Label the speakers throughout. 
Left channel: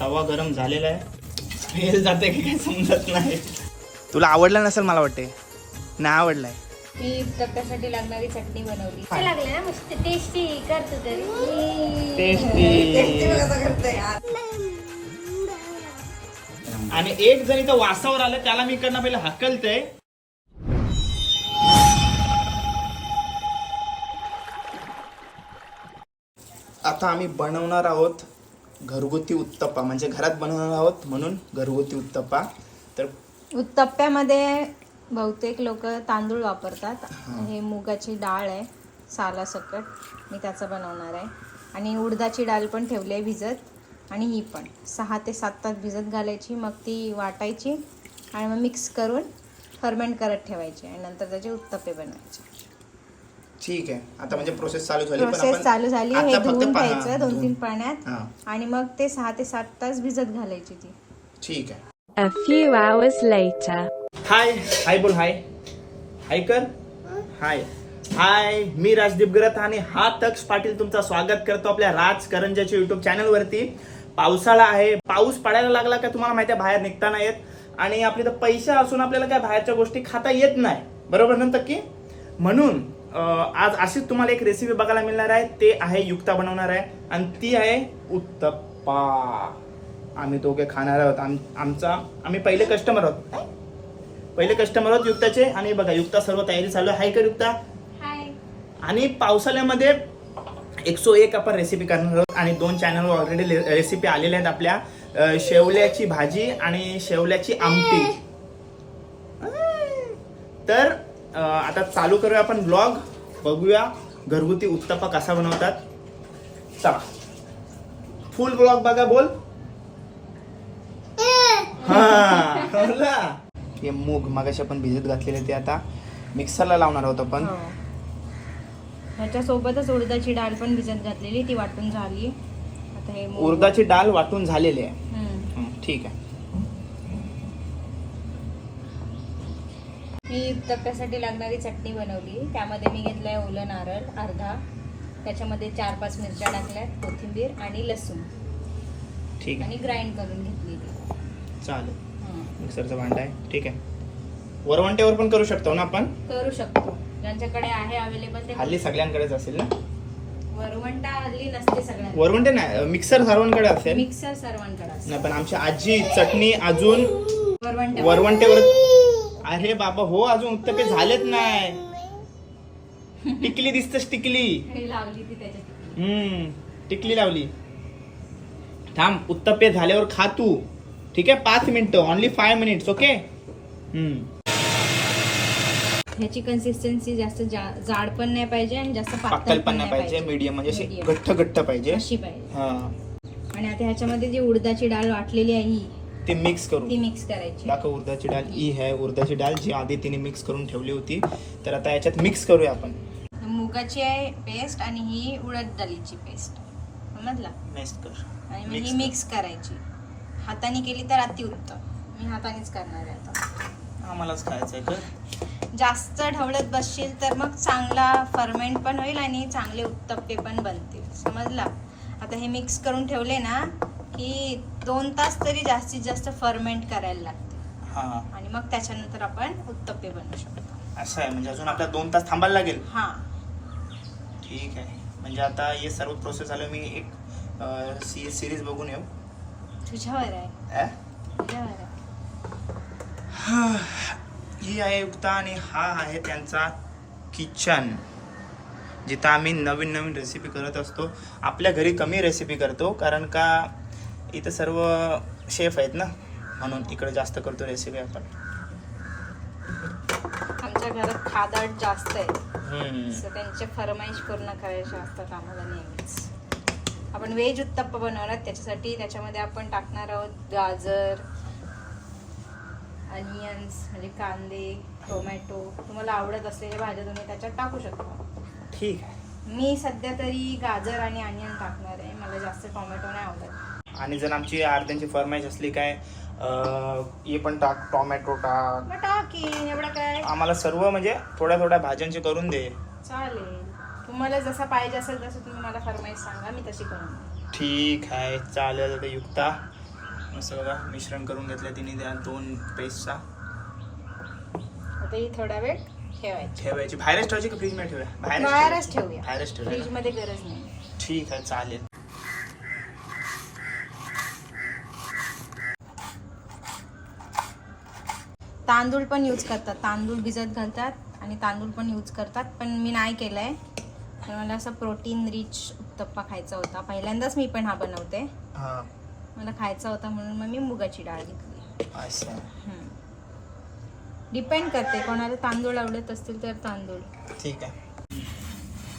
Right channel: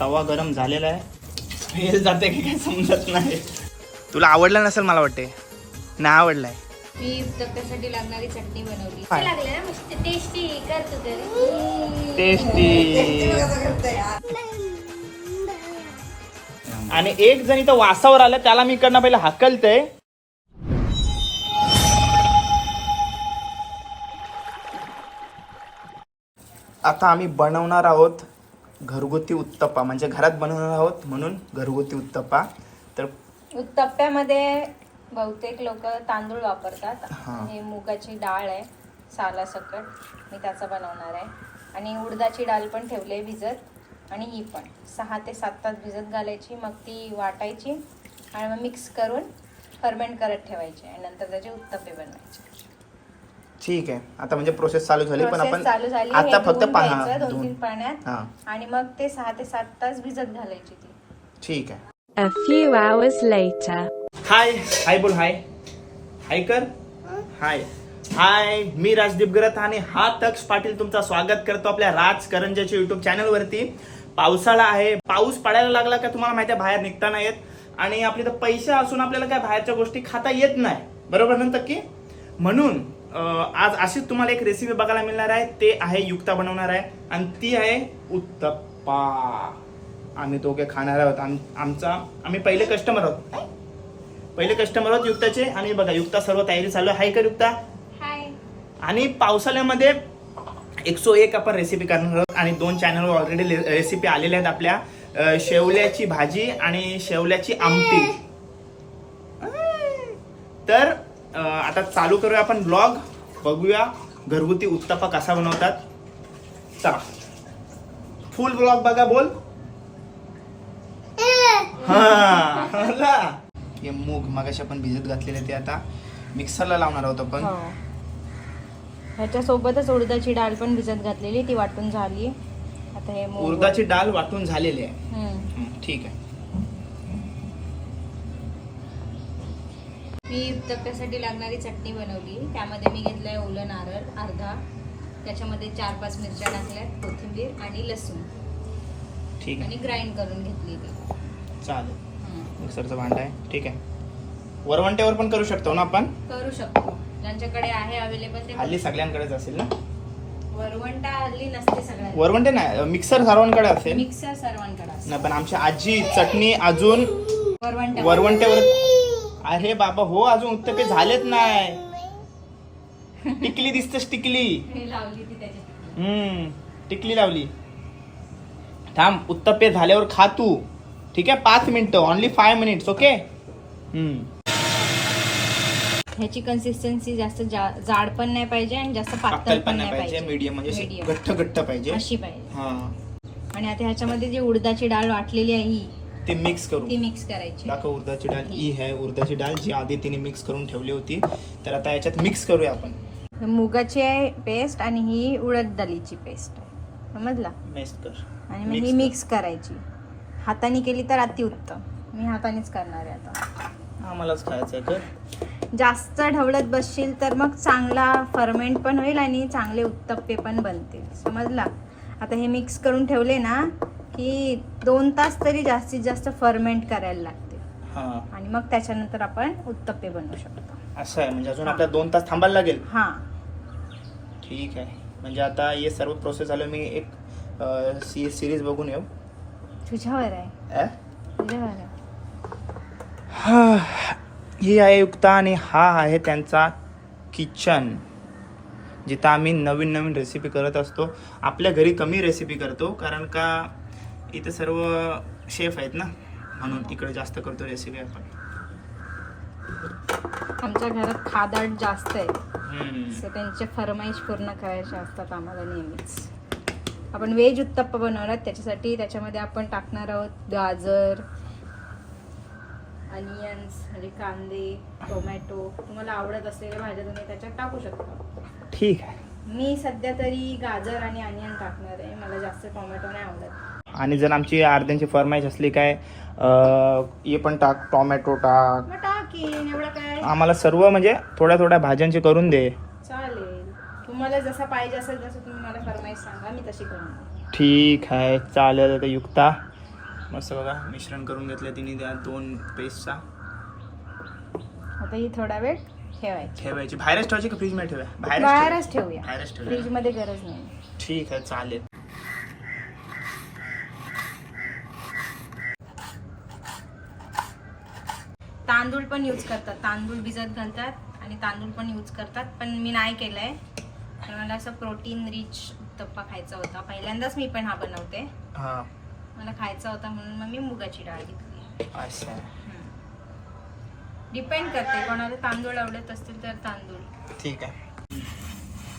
Speaker 1: तवा गरम झालेला आहे. फेल जाते की काय समजत नाही. तुला आवडलं नसेल मला वाटते नाही आवडलाय.
Speaker 2: मी तप्प्यासाठी लागणारी चटणी बनवली. काय? लागले ना मस्त टेस्टी करतो तरी.
Speaker 1: टेस्टी आणि एक जण इथं वासावर आलं त्याला मी इकडनं पहिलं हाकलतय. आता आम्ही बनवणार आहोत घरगुती उत्तप्पा म्हणजे घरात बनवणार आहोत म्हणून घरगुती उत्तप्पा. तर
Speaker 2: उत्तप्प्यामध्ये बहुतेक लोक तांदूळ वापरतात. हा. हे मुगाची डाळ आहे सालासकट मी त्याचा बनवणार आहे. आणि उडदाची डाळ पण ठेवली आहे भिजत. आणि ही पण सहा ते सात तास भिजत घालायची. मग ती वाटायची आणि मग मिक्स करून फर्मेंट करत ठेवायची. आणि नंतर त्याचे उत्तप्पे बनवायचे.
Speaker 1: ठीक आहे. आता म्हणजे प्रोसेस चालू झाली
Speaker 2: पण आपण चालू झाली
Speaker 1: आता फक्त पाहा
Speaker 2: दोन. तीन पाण्यात. आणि मग ते सहा ते सात तास भिजत घालायची ती.
Speaker 1: ठीक आहे. A few hours later. हाय हाय बोल हाय हाय कर. हाय हाय मी राजदीप गरत आणि हा तक्ष पाटील तुमचं स्वागत करतो आपल्या राज करंजाच्या युट्यूब चॅनलवरती पावसाळा आहे. पाऊस पडायला लागला का तुम्हाला माहिती आहे बाहेर निघता नाही येत. आणि आपले तर पैसे असून आपल्याला काय बाहेरच्या गोष्टी खाता येत नाही. बरोबर ना की म्हणून आज अशीच तुम्हाला एक रेसिपी बघायला मिळणार आहे. ते आहे युक्ता बनवणार आहे. आणि ती आहे उत्तप्पा. आम्ही दोघे खाणार आहोत. आम आमचा आम्ही पहिले कस्टमर आहोत. पहिले कस्टमर आहोत युक्ताचे. आणि बघा युक्ता सर्व तयारी चालू आहे. कर युक्ता. आणि पावसाळ्यामध्ये एकशे एक आपण रेसिपी करणार आहोत. आणि दोन चॅनलवर ऑलरेडी रेसिपी आलेल्या आहेत आपल्या. शेवल्याची भाजी आणि शेवल्याची आमटी. तर आता चालू करूया आपण ब्लॉग बघूया घरगुती उत्तप्पा कसा बनवतात. चला. फुल ब्लॉग बघा बोल. हा. हे मूग मगाशी आपण भिजत घातलेले ते आता मिक्सरला लावणार आहोत आपण. हो.
Speaker 2: ह्याच्यासोबतच उडदाची डाळ पण भिजत घातलेली ती वाटून झाली.
Speaker 1: आता हे मूग- डाळ वाटून झालेली आहे. हम्म. हं, ठीक आहे.
Speaker 2: मी तप्प्यासाठी लागणारी चटणी बनवली. त्यामध्ये मी घेतलंय ओलं नारळ अर्धा. त्याच्यामध्ये चार पाच मिरच्या टाकल्यात कोथिंबीर आणि लसूण. ठीक आणि आहे ग्राइंड करून घेतलेली.
Speaker 1: चालेल. हम्म. मिक्सरचा भांडा आहे. ठीक आहे. वरवंट्यावर पण करू शकतो ना आपण?
Speaker 2: करू शकतो. ज्यांच्याकडे आहे अवेलेबल ते
Speaker 1: हल्ली सगळ्यांकडेच असेल ना?
Speaker 2: वरवंटा हल्ली नसते सगळ्यांना
Speaker 1: वरवंटे नाही मिक्सर सर्वांकडे असेल?
Speaker 2: मिक्सर सर्वांकडे असते.
Speaker 1: नाही पण आमची आजी चटणी अजून वरवंटा वरवंट्यावर अरे बाबा हो अजून उत्तपे झालेत नाही. टिकली दिसतस टिकली. हम्म टिकली लावली. थांब उत्तप्पे झाल्यावर खा तू. ठीक आहे पाच मिनिटं ओनली फाय मिनिट्स ओके हम्म.
Speaker 2: ह्याची कन्सिस्टन्सी जास्त जाड पण नाही पाहिजे आणि जास्त पातळ
Speaker 1: पण नाही पाहिजे मीडियम म्हणजे अशी Medium. घट्ट घट्ट पाहिजे.
Speaker 2: अशी पाहिजे. हा. आणि आता ह्याच्यामध्ये जी उडदाची डाळ वाटलेली आहे ही ते मिक्स करू ती मिक्स करायची.
Speaker 1: दाखव उडदाची डाळ ही आहे. उडदाची डाळ जी आधी तिने मिक्स करून ठेवली होती. तर आता याच्यात मिक्स करूया आपण.
Speaker 2: मुगाची पेस्ट आणि ही उडद डाळीची पेस्ट समजला? मिक्स कर. आणि मग Mix ही कर. मिक्स करायची. हाताने केली तर अतिउत्तम. मी हातानेच करणार आहे आता.
Speaker 1: आम्हालाच खायचंय कर.
Speaker 2: जास्त ढवळत बसशील तर मग चांगला फर्मेंट पण होईल आणि चांगले उत्तप्पे पण बनतील. समजला? आता हे मिक्स करून ठेवले ना की दोन तास तरी जास्तीत जास्त फर्मेंट करायला लागते. हा. आणि मग त्याच्यानंतर आपण उत्तप्पे बनवू शकतो.
Speaker 1: असं आहे म्हणजे अजून आपल्याला दोन तास थांबायला लागेल? हां. ठीक आहे. म्हणजे आता हे सर्व प्रोसेस झालं मी एक सी सिरीज बघून येऊ.
Speaker 2: तुझ्यावर आहे. अ? तुझ्यावर आहे.
Speaker 1: हा. ही आहे युक्ता आणि हा आहे त्यांचा किचन जिथं आम्ही नवीन नवीन रेसिपी करत असतो. आपल्या घरी कमी रेसिपी करतो कारण का इथं सर्व शेफ आहेत ना? म्हणून इकडे जास्त करतो रेसिपी आपण.
Speaker 2: आमच्या घरात खादाड जास्त आहे. त्यांचे फरमाईश पूर्ण करायचे असतात आम्हाला नेहमीच. आपण व्हेज उत्तप्पा बनवणार त्याच्यासाठी त्याच्यामध्ये आपण टाकणार आहोत गाजर अनियन्स म्हणजे कांदे टोमॅटो तुम्हाला आवडत असलेल्या भाज्या तुम्ही त्याच्यात टाकू शकता. ठीक आहे. मी सध्या तरी गाजर आणि अनियन टाकणार आहे. मला जास्त टोमॅटो नाही आवडत.
Speaker 1: आणि जर आमची अर्ध्यांची फरमाईश असली काय हे पण टाक टोमॅटो टाक.
Speaker 2: टाकेन एवढं काय?
Speaker 1: आम्हाला सर्व म्हणजे थोड्या थोड्या भाज्यांची करून दे.
Speaker 2: चालेल. तुम्हाला जसं पाहिजे असेल तसं तुम्ही मला फरमाईश सांगा मी तशी करून देईन.
Speaker 1: ठीक आहे चालेल तर युक्ता? मस्त बघा मिश्रण करून घेतलं तिने त्या दोन पेस्टचा
Speaker 2: आता ही थोडा वेळ ठेवायची.
Speaker 1: ठेवायची. बाहेरच ठेवायची का फ्रीजमध्ये ठेवा
Speaker 2: बाहेरच बाहेरच ठेवा. ठेवूया. बाहेरच ठेवूया. फ्रीजमध्ये गरज नाही.
Speaker 1: ठीक आहे चालेल.
Speaker 2: तांदूळ पण यूज करतात. तांदूळ भिजत घालतात आणि तांदूळ पण यूज करतात. पण मी नाही केलंय. तर मला असं प्रोटीन रिच उत्तप्पा खायचा होता. पहिल्यांदाच मी पण हा बनवते. हा. मला खायचा होता म्हणून मग मी मुगाची डाळ घेतली. असं डिपेंड करते. कोणाला तांदूळ आवडत असतील तर तांदूळ.
Speaker 1: ठीक आहे.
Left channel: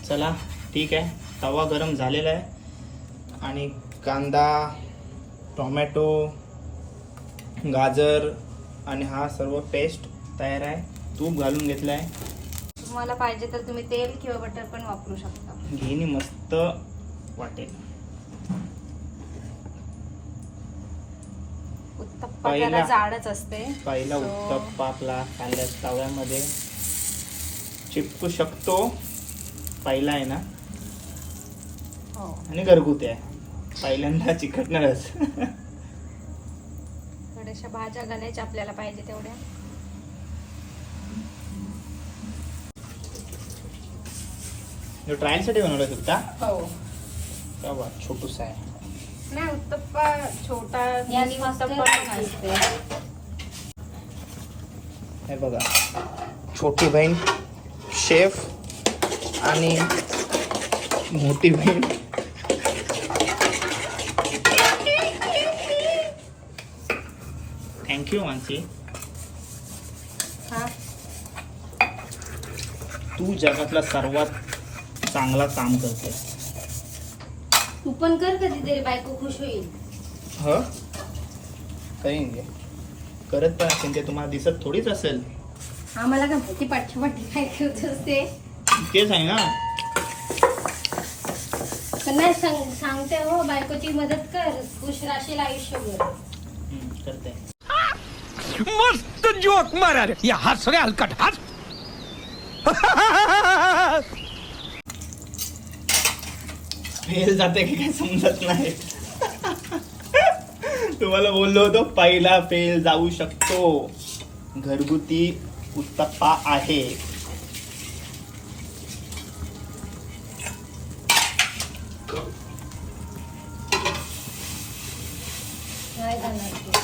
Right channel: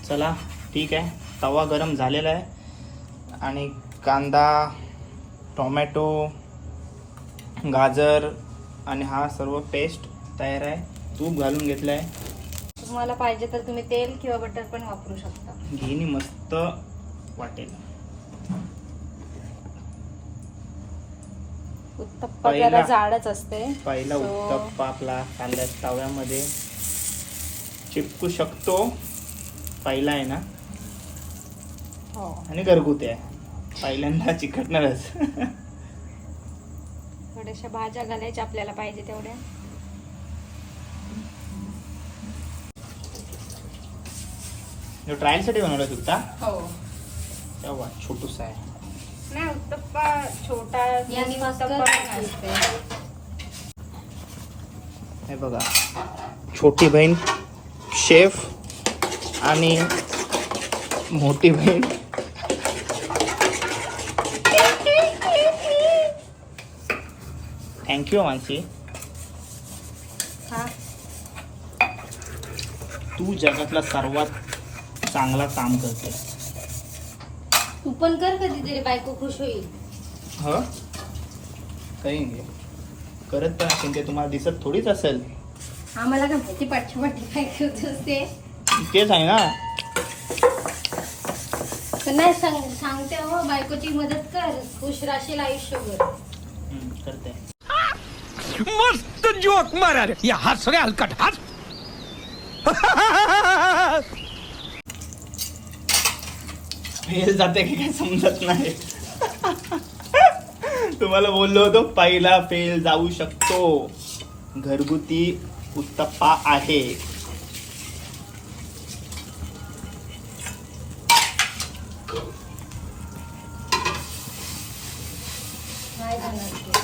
Speaker 1: चला ठीक आहे. तवा गरम झालेला आहे. आणि कांदा टोमॅटो गाजर आणि हा सर्व पेस्ट तयार आहे. तूप घालून घेतलं आहे
Speaker 2: तुम्हाला पाहिजे तर तुम्ही तेल किंवा बटर पण वापरू शकता.
Speaker 1: घेणी मस्त वाटेल.
Speaker 2: उत्तप्पा पहिला- जाडच असते.
Speaker 1: पहिला So- उत्तप्पा आपला कांद्या तव्यामध्ये चिपकू शकतो. पहिला आहे ना? हो. आणि घरगुती आहे. पहिल्यांदा चिकटणारच.
Speaker 2: थोड्याशा भाज्या घालायच्या आपल्याला पाहिजे तेवढ्या.
Speaker 1: ट्रायलसाठी बनवलं सुद्धा हो. तेव्हा छोटूसा आहे.
Speaker 2: नाही उत्तप्पा छोटा पण
Speaker 1: हे बघा छोटी बहीण शेफ आणि मोठी बहीण. थँक्यू मानसी हा. तू जगातला सर्वात चांगला काम करते
Speaker 2: तू पण कर कधीतरी बायको खुश होईल. ह?
Speaker 1: काही नाही. करत पण असेल ते तुम्हाला दिसत थोडीच असेल.
Speaker 2: आम्हाला काय माहिती पाठी पाठी काय करत असते. तेच आहे ना. नाही सांग सांगते हो बायकोची मदत कर. खुश राशील आयुष्यभर. हम्म,
Speaker 1: करते. मस्त जोक मारा रे या हस रे हलकट हस फेल जाते की काय समजत नाही. तुम्हाला बोललो होतो पहिला फेल जाऊ शकतो. घरगुती उत्तप्पा आहे नाही जाणार ते.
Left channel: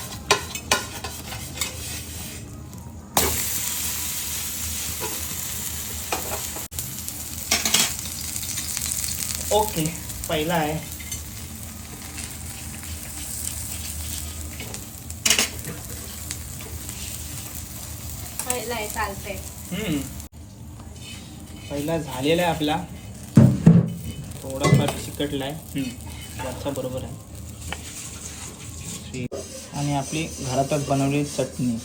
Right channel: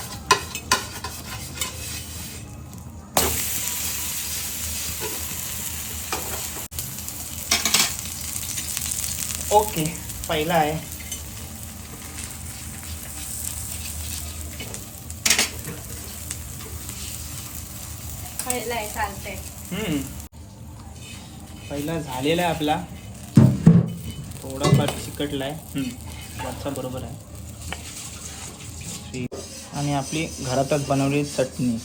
Speaker 1: ओके पहिला आहे
Speaker 2: पहिला आहे चालतंय हम्म.
Speaker 1: पहिला झालेला आहे आपला थोडाफार चिकटलाय हम्म. वरचा बरोबर आहे. आणि आपली घरातच बनवलेली चटणी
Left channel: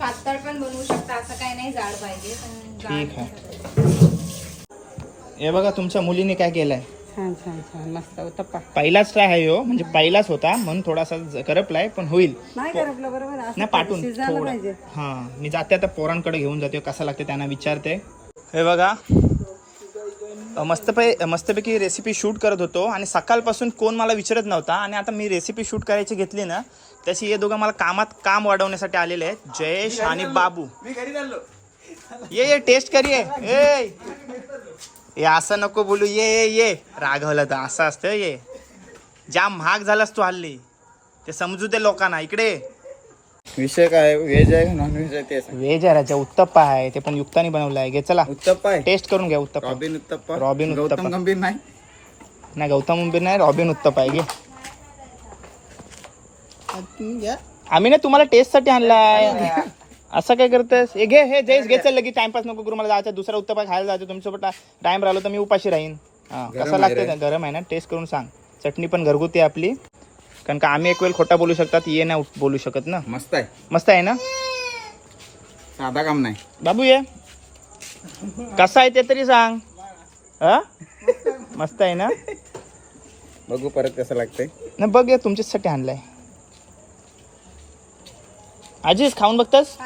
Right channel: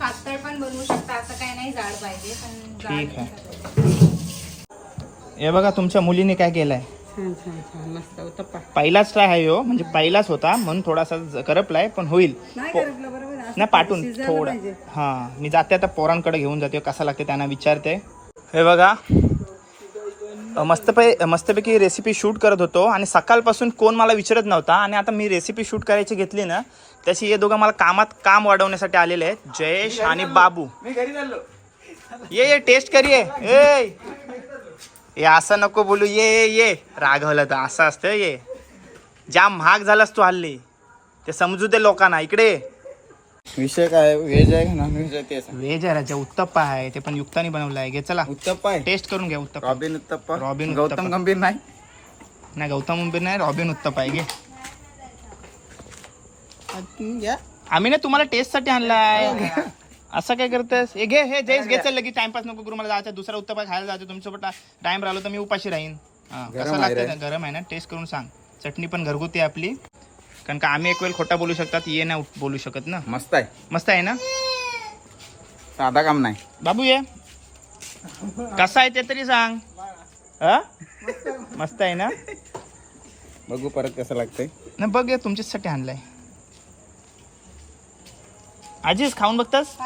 Speaker 2: पातळ पण बनवू शकता असं काय नाही जाड पाहिजे पण
Speaker 1: ठीक आहे. हे बघा तुमच्या मुलीने काय केलंय
Speaker 2: छान छान छान. मस्त उत्तप्पा
Speaker 1: पहिलाच ट्राय आहे हो. म्हणजे पहिलाच होता. म्हणून थोडासा ज- करपलाय पण होईल.
Speaker 2: नाही पो- करपलं बरोबर असं
Speaker 1: नाही पाठवून. शिजायला थोडं. पाहिजे. हा. मी जाते आता पोरांकडे घेऊन जाते. कसा लागते त्यांना विचारते. हे बघा. अ, मस्तपै मस्तपैकी रेसिपी शूट करत होतो. आणि सकाळपासून कोण मला विचारत नव्हता. आणि आता मी रेसिपी शूट करायची घेतली ना त्याची हे दोघं मला कामात काम वाढवण्यासाठी आलेले आहेत. जयेश आणि बाबू. ये ये टेस्ट करिये. ए! ये असं नको बोलू. ये ये ये. रागवलं तर असं असतं ये. जाम महाग झालास तू हल्ली ते समजू दे लोकांना. इकडे. विषय काय? व्हेज आहे नॉन व्हेज आहे ते? सांग. व्हेज आहे राजा उत्तप्पा आहे. ते पण युक्तानी बनवलं आहे. घे चला. उत्तप्पा आहे? टेस्ट करून घ्या उत्तप्पा. रॉबिन उत्तप्पा? रॉबिन गौतम उत्तप्पा. गंभीर नाही? नाही गौतम गंभीर नाही रॉबिन उत्तप्पा आहे. घे. आम्ही ना तुम्हाला टेस्टसाठी आणलाय. असं काय करतेस? हे घे हे जयस घे चल लगेच. टाइमपास नको करू मला जायचं दुसरा उत्तप्पा खायला जायचं तुमच्यासोबत टाइम राहिलो तर मी उपाशी राहीन. हा, कसं लागतं? गरम आहे ना? टेस्ट करून सांग. चटणी पण घरगुती आहे आपली. कारण का आम्ही एक वेळ खोटा बोलू शकतात ये नाही बोलू शकत ना. मस्त आहे. मस्त आहे ना? साधा काम नाही. बाबू ये. कसा आहे ते तरी सांग. हा? मस्त आहे ना? बघू परत कसं लागतंय. ना बघ या तुमच्यासाठी आणलाय. आजीच खाऊन बघतस?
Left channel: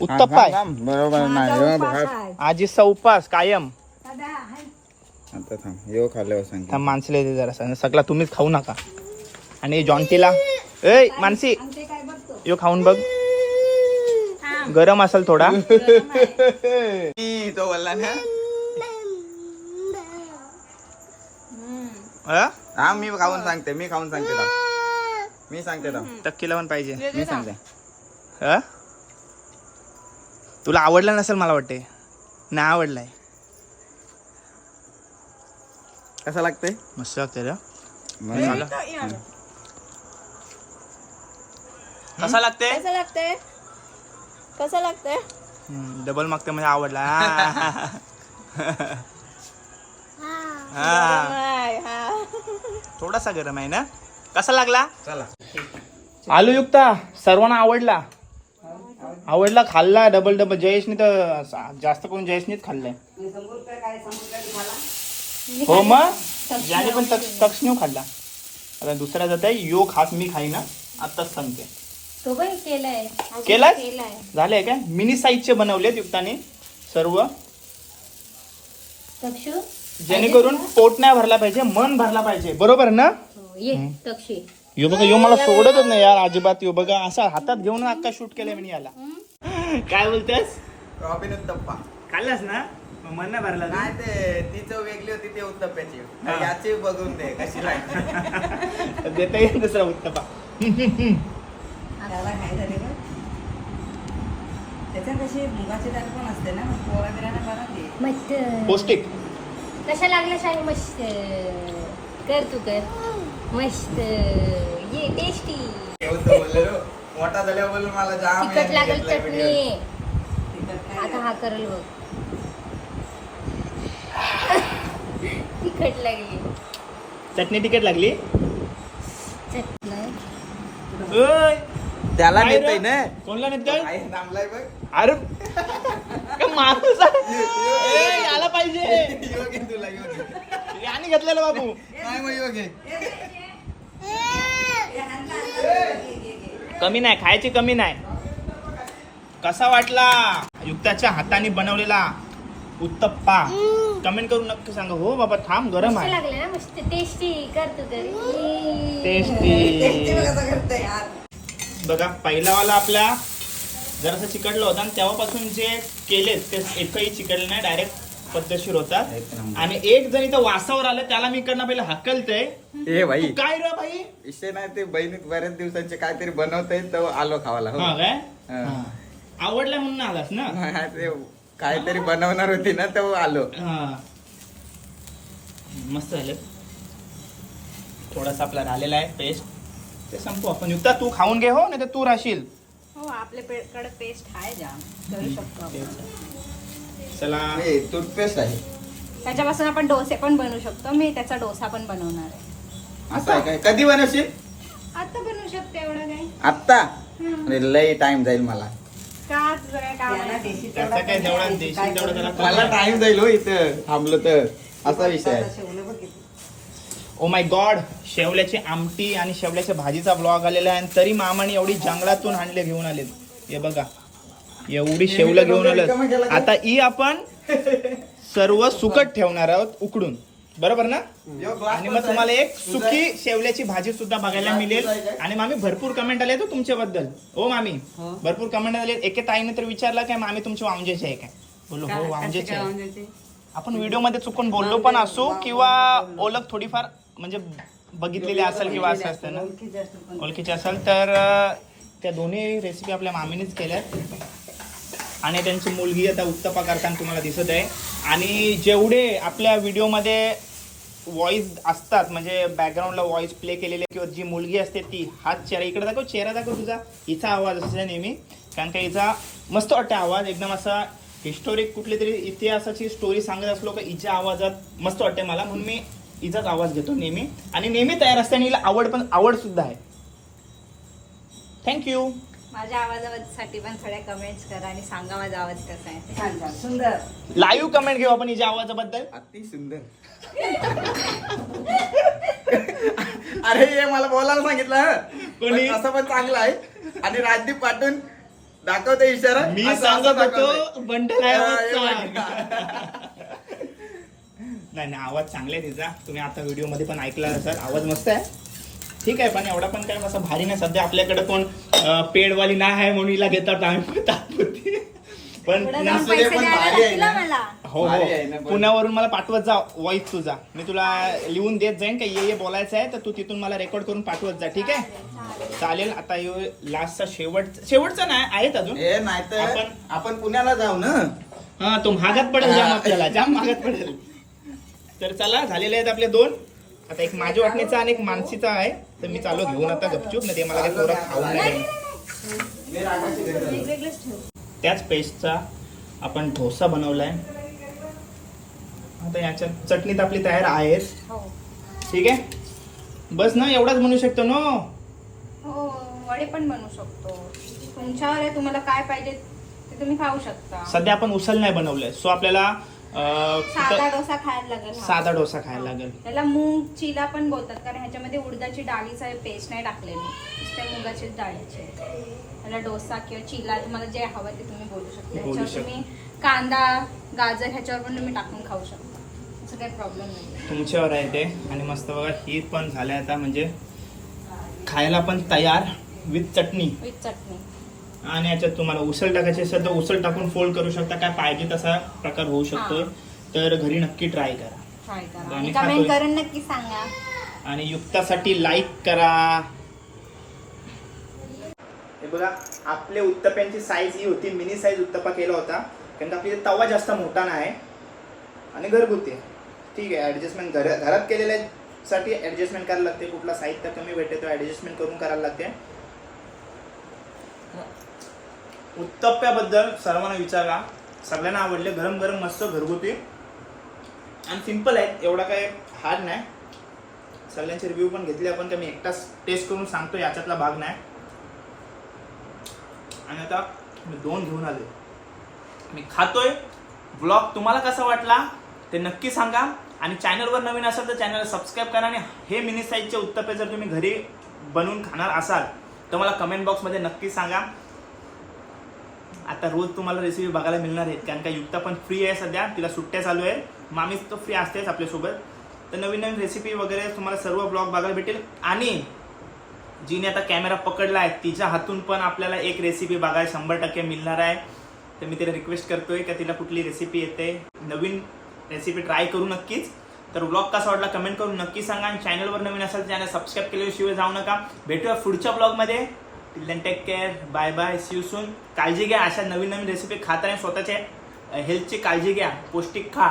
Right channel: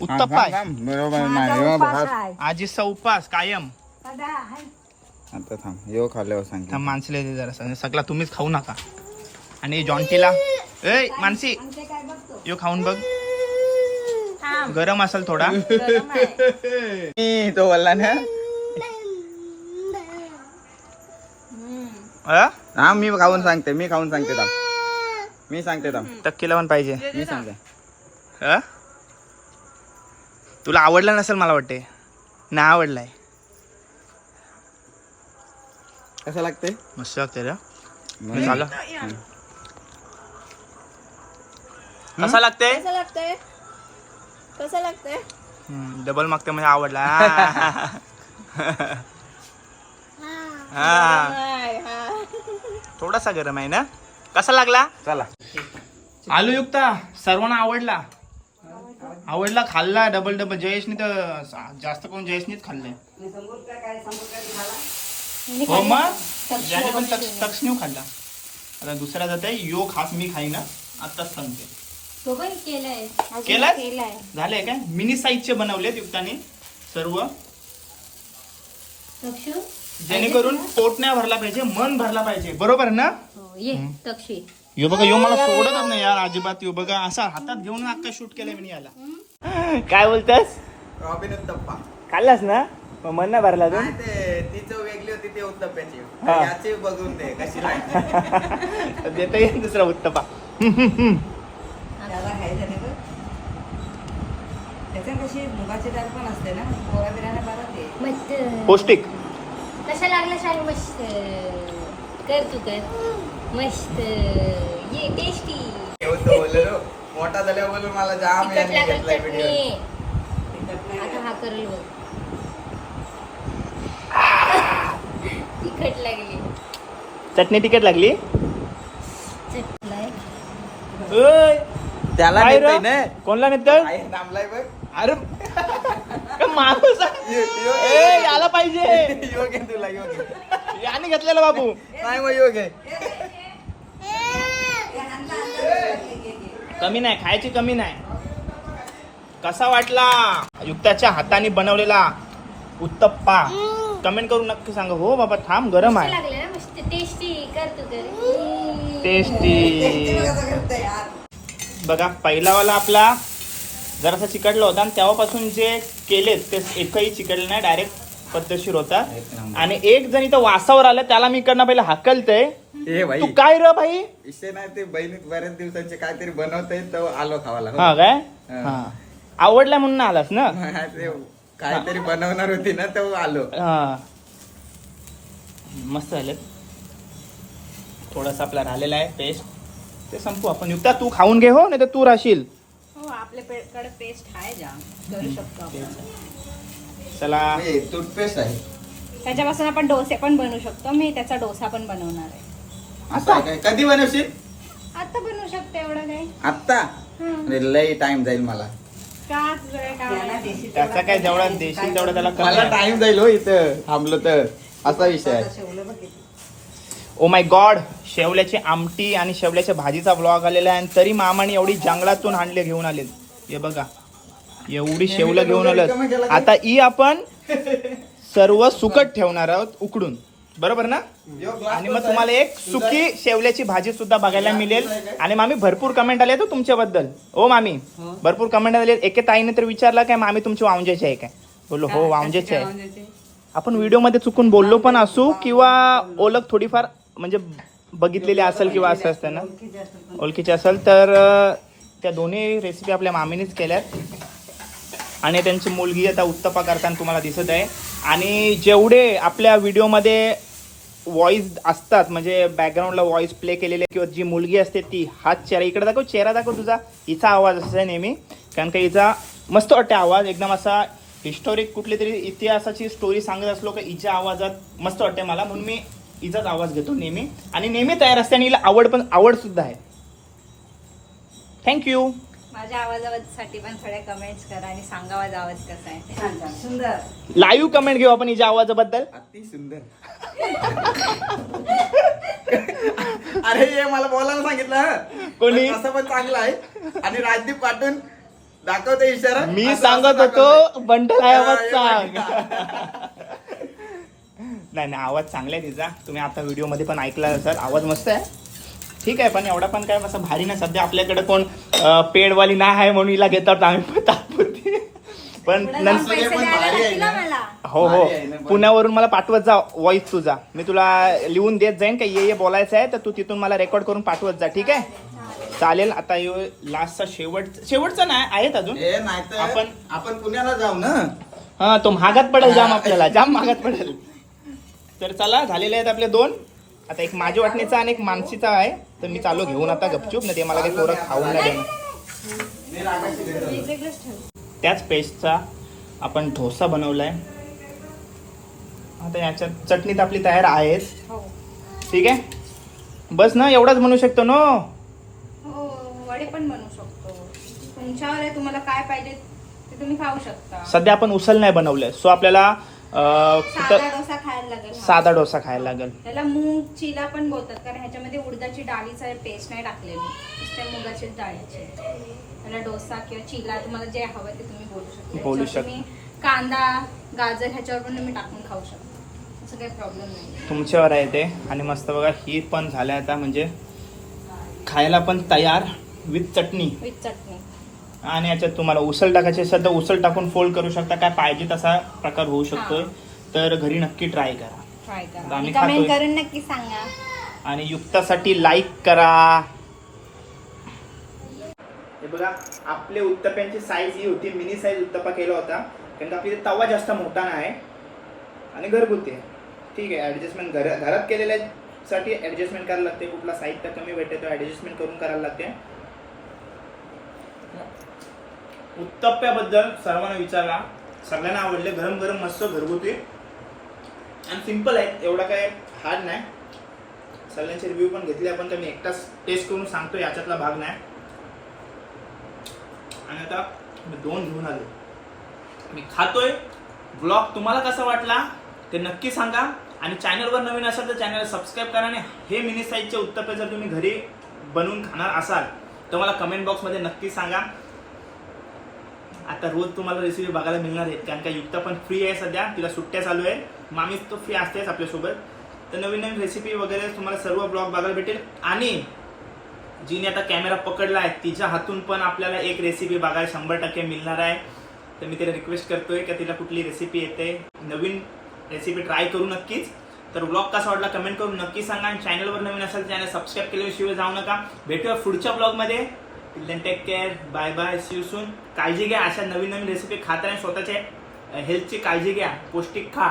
Speaker 1: उत्तप्पा आहे. थांब, थांब. बरोबर नाही भात. आजीचा उपास कायम. आता थांब येऊ खाल्ल्यावर सांग त्या माणसाला दे जरा सगळा तुम्हीच खाऊ नका. आणि जॉन्टीला ए मानसी. यो खाऊन बघ. गरम असेल थोडा. तो बोलला ना. अ? हा मी खाऊन सांगते मी खाऊन सांगते थांब. मी सांगते थांब. टक्केला पण पाहिजे. मी सांगते. अ? तुला आवडलं नसेल मला वाटते नाही आवडलाय. कसं लागते मस्त वाटते रे. कसा लागते
Speaker 2: कसं लागतंय? कसं लागतंय?
Speaker 1: डबल मागते म्हणजे आवडला. हा. थोडासा गरम आहे ना? कसा लागला? चला. आलू युक्ता सर्वांना आवडला. आवडला खाल्ला डबल डबल जयेशने तर जास्त करून जयेशनेच खाल्लंय. हो मग? ज्याने पण तक्षणीव खाल्ला. आता दुसरा जात आहे यो खास मी खाईना आताच सांगते.
Speaker 2: तो पण केलाय. अजून
Speaker 1: केलाय? केलाय. झाले काय? मिनी साईजचे बनवलेत युक्ताने सर्व. तक्षू जेणेकरून पोट नाही भरला पाहिजे मन भरला पाहिजे. बरोबर ना?
Speaker 2: हो ये तक्षी
Speaker 1: यो बघा यो मला सोडतच नाही यार अजिबात यो बघा असा हातात घेऊन अक्का शूट केलंय मी याला. काय बोलतेस? रॉबिन उत्तप्पा खाल्लास ना? मग मन नाही भरला तू? नाही ते ती चव वेगळी होती ते उत्तप्प्याची हा. याची बघून दे कशी लागते. देता येईल दुसरा उत्तपा.
Speaker 2: त्याला काय झालं गं? त्याच्यात कशी मुगाची डाळ पण असते ना पोळ्या बिराला मला ते मस्त पौष्टिक. कसा लागला सांग मस्त? कर तू कर. मस्त. ये टेस्टी
Speaker 1: मोठा झाल्यावर मला जाम
Speaker 2: तिखट लागल चटणी. आता हा करल बघ. तिखट लागली.
Speaker 1: चटणी तिखट लागली? चटणी. ओय, त्याला काय नेतोय रे? ना. कोणला आई थांबलाय बघ. अरे. काय माणूस आहे? ए, याला पाहिजे. तुला. याने घेतलेला बाबू. नाही मग योग आहे. कमी नाही खायची कमी नाही. कसा वाटला? युक्ताच्या हाताने बनवलेला उत्तप्पा. कमेंट करून नक्की सांगा. हो बाबा थांब गरम आहे. टेस्टी बघा पहिलावाला आपला जरासा चिकटला होता आणि तेव्हापासून जे केलेत ते एकही चिकटले नाही डायरेक्ट पद्धतशीर होतात आणि एक जण इथं वासावर आलं त्याला मी इकडनं पहिला हाकलतय. ए भाई काय र भाई विषय नाही ते बहिणीत बऱ्याच दिवसांचे काहीतरी बनवतय तर आलो खावाला. हो. हा काय? हा. आवडला म्हणून आलास ना? ते काहीतरी बनवणार होती ना तेव्हा आलो. हा. मस्त झाले. थोडासा आपला राहिलेला आहे पेस्ट ते संपू आपण. युक्ता तू खाऊन घे हो नाही तर तू राहशील.
Speaker 2: हो आपल्याकडे पेस्ट आहे जाम करू शकतो आपण.
Speaker 1: चला. टूथपेस्ट आहे.
Speaker 2: त्याच्यापासून आपण डोसे पण बनवू शकतो. मी त्याचा डोसा पण बनवणार आहे.
Speaker 1: असं आहे काय कधी बनवशील?
Speaker 2: आता बनवू शकतो एवढं काही.
Speaker 1: आत्ता? अरे लय टाइम जाईल मला.
Speaker 2: का तुझं काय काम आहे?
Speaker 1: त्याचा काय जेवढा काय देशील तेवढं त्याला करू? मला टाइम जाईल हो इथं. थांबलो तर. असा विषय आहे. ओ माय गॉड शेवल्याची आमटी आणि शेवल्याच्या भाजीचा ब्लॉग आलेला आहे आणि तरी मामाने एवढी जंगलातून आणले घेऊन आलेत. हे बघा. एवढी शेवलं घेऊन आलं आता ई आपण सर्व सुकट ठेवणार आहोत उकडून. बरोबर ना? आणि मग तुम्हाला एक सुकी शेवल्याची भाजी सुद्धा बघायला मिळेल. आणि मामी भरपूर कमेंट आले तो तुमच्याबद्दल. ओ मामी. हो. भरपूर कमेंट आले. एके ताईने तर विचारला काय मामी तुमची वांजेची आहे काय? बोललो हो वांजेची आहे? आपण व्हिडिओमध्ये चुकून बोललो पण असू किंवा ओळख थोडीफार म्हणजे बघितलेली असेल किंवा असं असतं ना. ओळखीची असेल तर त्या दोन्ही रेसिपी आपल्या मामीनेच केल्यात. आणि त्यांची मुलगी आता उत्तपा करताना तुम्हाला दिसत आहे. आणि जेवढे आपल्या व्हिडिओमध्ये व्हॉइस असतात म्हणजे बॅकग्राऊंडला व्हॉइस प्ले केलेले किंवा जी मुलगी असते ती हात चेहरा इकडे दाखव चेहरा दाखव तुझा. हिचा आवाज असा नेहमी. कारण का हिचा मस्त वाटते आवाज एकदम असा हिस्टोरिक कुठली तरी इतिहासाची स्टोरी सांगत असलो का हिच्या आवाजात मस्त वाटते मला. म्हणून मी हिचाच आवाज घेतो नेहमी. आणि नेहमी तयार असते आणि हिला आवड पण आवड सुद्धा आहे. थँक्यू
Speaker 2: माझ्या आवाजासाठी पण थोड्या कमेंट्स करा आणि सांगा माझा आवाज कसा आहे. सुंदर.
Speaker 1: लाईव्ह कमेंट घेऊ आपण हिच्या आवाजाबद्दल? अति सुंदर. अरे हे मला बोलायला सांगितलं हं. कोणी? पण असं पण चांगलं आहे. आणि राजदीप पाठवून दाखवते इशारा. मी असं- असं सांगत दाखवतोय. होतो बंडल आहे आवाज हा, सांग नाही नाही आवाज चांगला आहे तिचा. तुम्ही आता व्हिडिओमध्ये पण ऐकला असेल आवाज मस्त आहे. ठीक आहे पण एवढा पण काय असं भारी नाही. सध्या आपल्याकडे कोण पेडवाली नाही आहे म्हणून हिला घेतात आम्ही तात्पुरती. पण. हा मला हो हो. पुण्यावरून मला पाठवत जा वॉइस तुझा. मी तुला लिहून देत जाईन का ये ये बोलायचं आहे तर तू तिथून मला रेकॉर्ड करून पाठवत जा ठीक आहे? चालेल आता लास्टचा शेवट शेवटचा नाही आहेत अजून. हे नाही तर आपण- आपण पुण्याला जाऊ ना. हा तो महागात पडेल जाम आपल्याला जाम महागात पडेल. तर चला झालेले आहेत आपले दोन. आता एक माझ्या वाटणीचा आणि एक मानसीचा आहे. तर मी चालू घेऊन आता गपचूप ना ते मला काही पोरं खाऊन नाही त्याच पेस्टचा आपण डोसा बनवलाय. आता याच्यात चटणी तर आपली तयार आहेच. हो. ठीक आहे? बस ना एवढाच म्हणू शकतो ना?
Speaker 2: हो वडे पण बनवू शकतो. तुमच्यावर आहे तुम्हाला काय पाहिजे ते तुम्ही खाऊ शकता.
Speaker 1: सध्या आपण उसल नाही बनवलंय. सो आपल्याला
Speaker 2: साधा डोसा खायला लागेल हा.
Speaker 1: साधा डोसा खायला लागेल.
Speaker 2: त्याला मूग चिला पण बोलतात कारण ह्याच्यामध्ये उडदाची डाळीचा पेस्ट नाही टाकलेली. नुसत्या मुगाची डाळीची. त्याला डोसा किंवा चिला तुम्हाला जे हवं ते तुम्ही बोलू शकता.
Speaker 1: बोलू ह्याच्यावर शकता. तुम्ही
Speaker 2: कांदा गाजर ह्याच्यावर पण तुम्ही टाकून खाऊ शकता. असं काही प्रॉब्लेम नाही.
Speaker 1: तुमच्यावर आहे ते. आणि मस्त बघा ही पण झाल्या आता म्हणजे खायला पण तयार विथ चटणी. विथ चटणी. आणि याच्यात तुम्हाला उसळ टाकायची तर उसळ टाकून फोल्ड करू शकता. काय पाहिजे तसा प्रकार होऊ शकतोय. तर घरी नक्की ट्राय करा. ट्राय
Speaker 2: करा. आम्ही कमेंट खातोय. करून नक्की सांगा.
Speaker 1: आणि युक्तासाठी लाईक करा. हे बघा आपले उत्तप्यांची साईज ही होती. मिनी साईज उत्तप्पा केला होता. कारण का आपली तवा जास्त मोठा नाही. आणि घरगुती. ठीक आहे ॲडजस्टमेंट घर घरात केलेल्या साठी ॲडजस्टमेंट करायला लागते. कुठला साहित्य कमी भेटते तो ॲडजस्टमेंट करून करायला लागते. उत्तप्प्याबद्दल सर्वांना विचारा. सगळ्यांना आवडले. गरम गरम मस्त घरगुती. आणि सिंपल आहे. एवढा काय हार्ड नाही. सगळ्यांचे रिव्ह्यू पण घेतले. आपण तर मी एकटाच टेस्ट करून सांगतो याच्यातला भाग नाही. आणि आता मी दोन घेऊन आलो मी खातोय. ब्लॉग तुम्हाला कसा वाटला ते नक्की सांगा. आणि चॅनलवर नवीन असाल तर चॅनलला सबस्क्राईब करा. आणि हे मिनी साईजचे उत्तप्पे जर तुम्ही घरी बनवून खाणार असाल तर मला कमेंट बॉक्समध्ये नक्की सांगा. आता रोज तुम्हाला रेसिपी बघायला मिळणार आहेत. कारण का युक्ता पण फ्री आहे सध्या. तिला सुट्ट्या चालू आहे मामीच तो फ्री असतेच आपल्यासोबत. तर नवीन नवीन रेसिपी वगैरे तुम्हाला सर्व ब्लॉग बघायला भेटेल. आणि जिने आता कॅमेरा पकडला आहे तिच्या हातून पण आपल्याला एक रेसिपी बघायला शंभर टक्के मिळणार आहे. तर मी तिला रिक्वेस्ट करतोय का तिला कुठली रेसिपी येते. नवीन रेसिपी ट्राय करू नक्कीच. तर ब्लॉग कसा वाटला कमेंट करून नक्की सांगा. आणि चॅनलवर नवीन असेल चॅनल सबस्क्राईब केल्याशिवाय जाऊ नका. भेटूया पुढच्या ब्लॉगमध्ये then take care bye bye see soon काळजी घ्या. अशा नवीन नवीन रेसिपी खात आणि स्वतःच्या हेल्थची काळजी घ्या. पौष्टिक खा.